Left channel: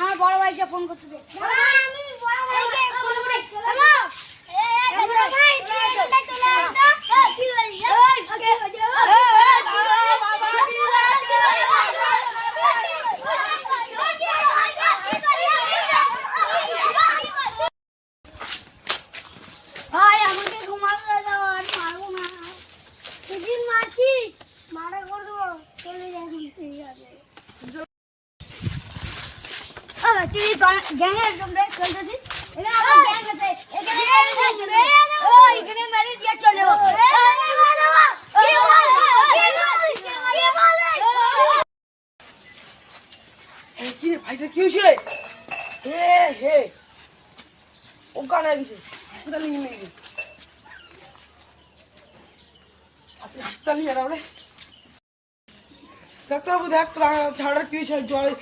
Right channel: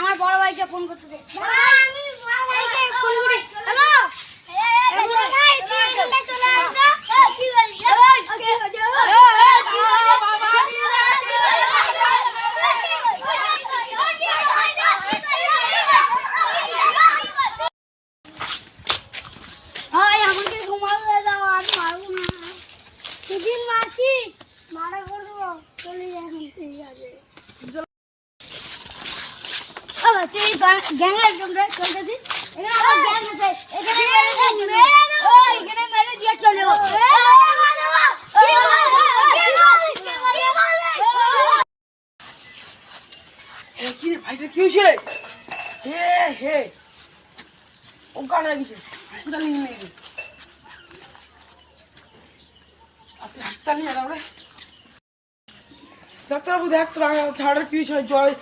আমার বড় ভাইকে ফোন করতে দে। ভাই আমাকে ঘুমাতে দাও, আমি পারবো না। সেদিন মাছি মারা করে দেবো, চলে যাই ঠিক আছে। তুই গ্যাংয়ের জন্য চলতেছিস, এখানে আমার গ্যাং আছে, এখানে মেরে দিয়ে চলে যাবো। ভাইটা কি হয়েছে রে? হে অজ্ঞান হয়ে গেছে, হাসপাতাল নিয়ে গেছে। আপনি হাসপাতাল নিয়ে যাও রে ডাক্তারবাবু। দেখ ঝাড়া কি হয়েছে, জ্বরে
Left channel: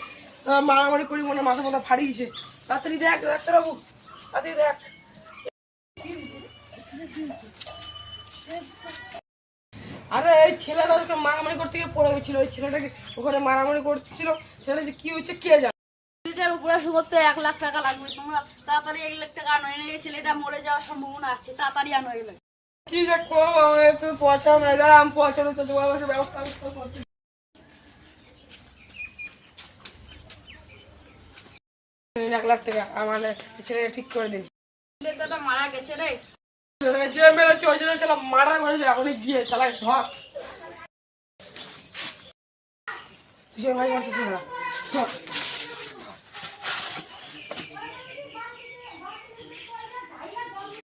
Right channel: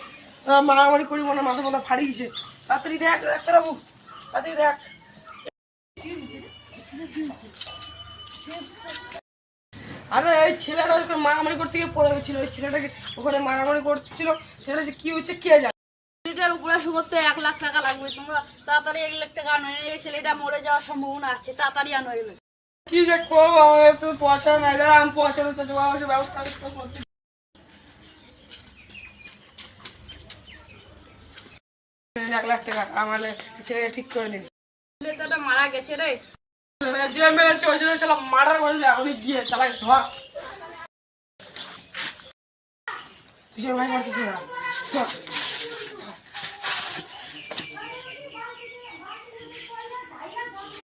মারামারি করি মনে মাথা মাথা ফাড়ি গেছে। তাড়াতাড়ি দেখ ডাক্তারবাবু, তাড়াতাড়ি দেখ। আরে ওই ছেলেটা মারামারি করতে গিয়ে পড়ে গেছিল, ওই ছেলেটাকে ওখানে মারামারি করছিল, ছেলেটা যে কি হয়েছে কে জানে। ছেলেটার উপরে করতে 1 লাখ টাকা লাগবে, তোমরা তাড়াতাড়ি 1 লাখ টাকা আনো, এই ছেলেটা মরে যাওয়ার সম্ভাবনা আছে, তাড়াতাড়ি আনো এগুলো। কি যে করবো, আমাদের তো পয়সা নাই, দাঁড়া আমি পয়সা ব্যবস্থা করছি। 1 লাখ টাকা আমার ছেলেটা ঠিক করে নিন। ছেলেটা মারা গেছে রে, যে মেরেছে ওই জন্য ছেলে মারার মারবে, আমি গিয়ে চালাই ধর ভাই মারতেছি না।